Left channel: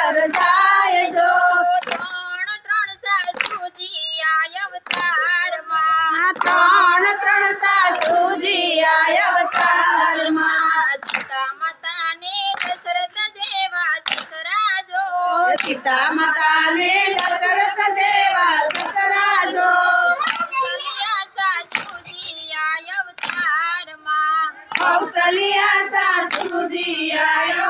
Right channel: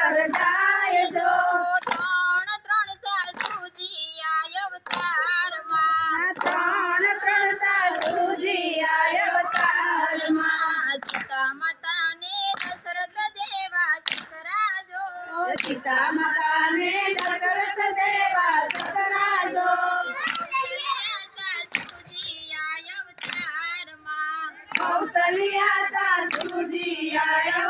સરસાય જો. ત્રણ ત્રણ સાસુજી આય અવતારમાં. ત્રણ ત્રણ સાસુજી આય અવતારમાં. સીતા માતાને દશરથ જેવા સસરાજો. સીતા માતાને દશરથ જેવા સસરાજો. કૌશલ્યા સાસુજી આય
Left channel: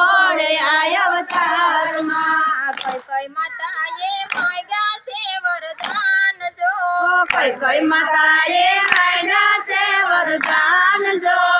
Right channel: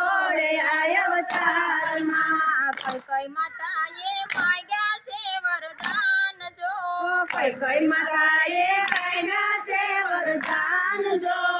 કોઈ માતાએ માયના છે વરદાન જો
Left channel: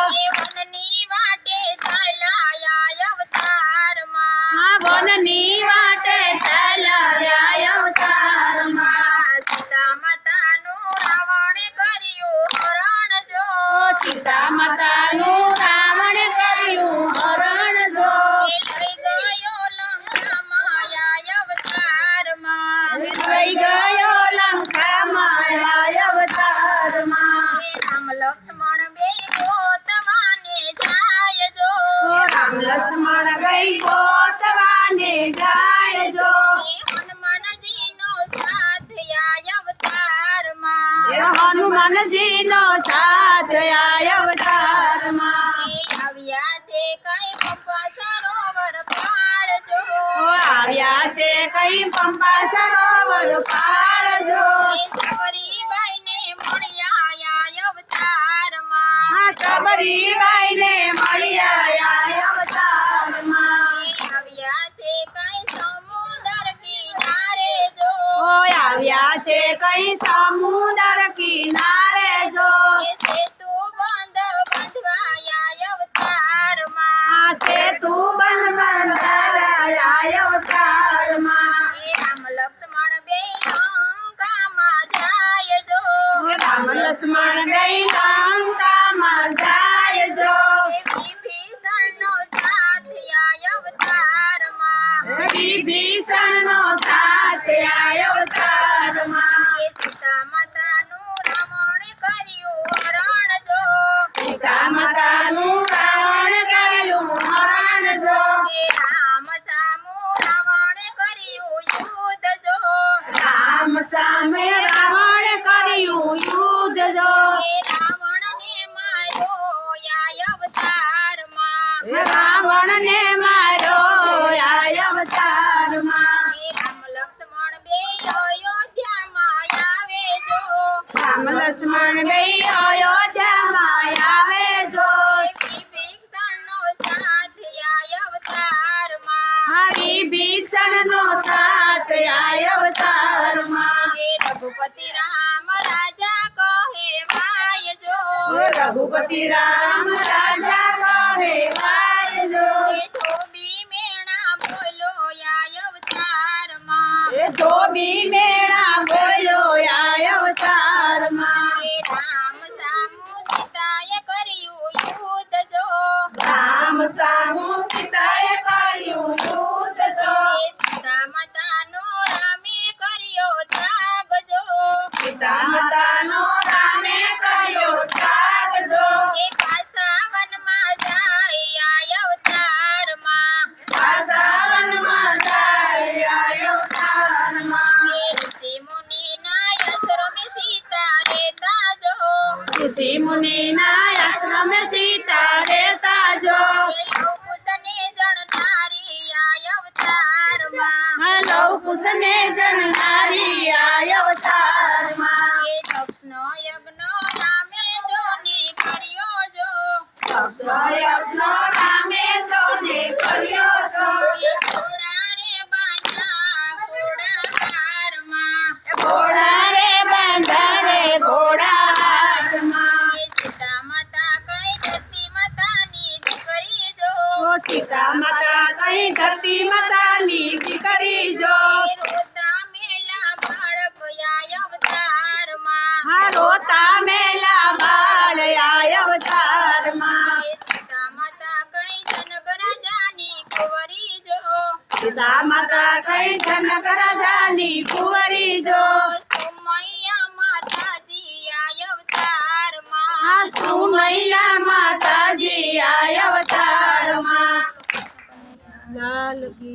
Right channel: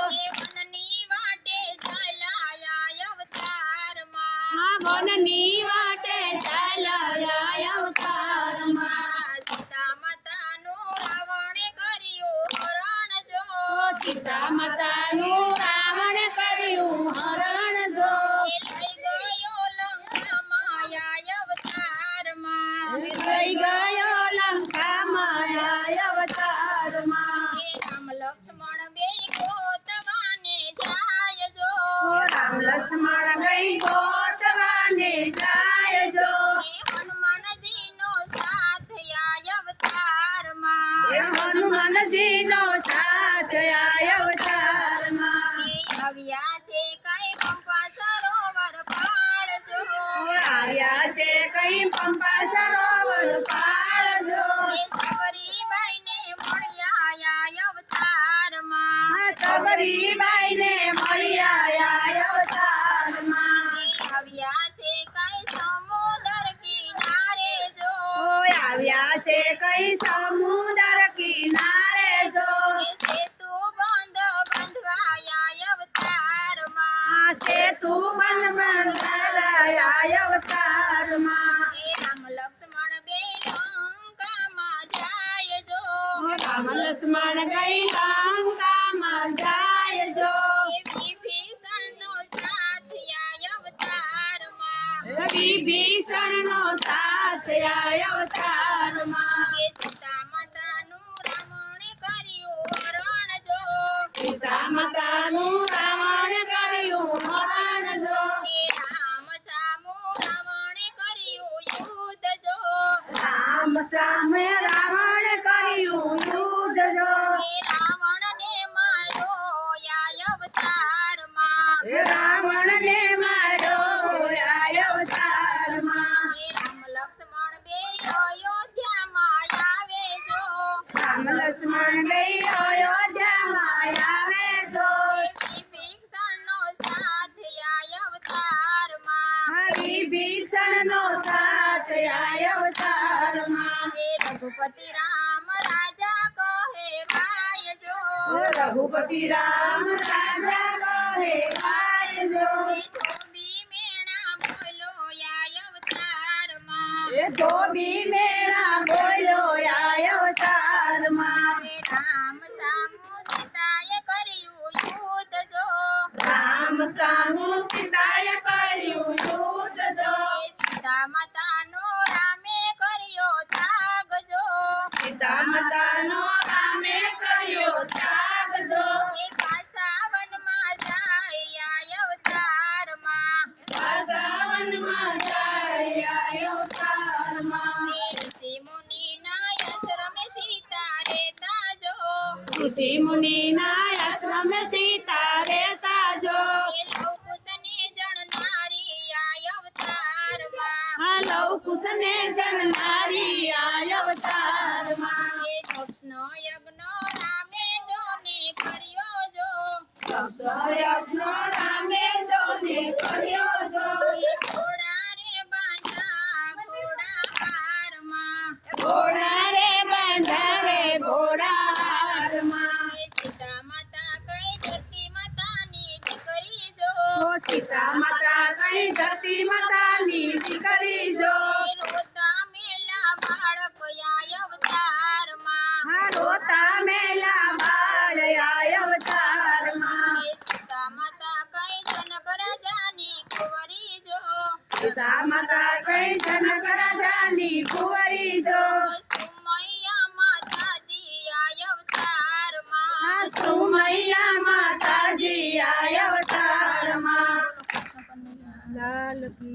હનુમાનજીનો સાથ અવતારમાં. આવ્યા છે કઈ પંપા સરોવર પાળજો આવ્યા છે કઈ પંપા સરોવર પાળજો લક્ષ્મણ ગઈ જાય જો વિભીષણનો સાથ આય અવતારમાં. વિભીષણનો સાથ આય અવતારમાં. સીતા માતાનું રાવણ કર્યું હરણ જો. સીતા માતાનું રાવણ કર્યું હરણ સામુ રાવણ કર્યું યુદ્ધ જો. રામ સામે રઘુપતિ રામ રાજા કહે વાય જો. રઘુપતિ રામ રાજા કહે વાય જો. ધોબી મેણા બોલો યા અવતારમાં. એ ધોબી મેણા બોલો उसने जन्मारी आय अवताર માં એ તપસ્નો યજ્ઞ નામે જોને કર્યો જો. તપસ્નો યજ્ઞ નામે જોને કર્યો જનક રાજાની કુંવરી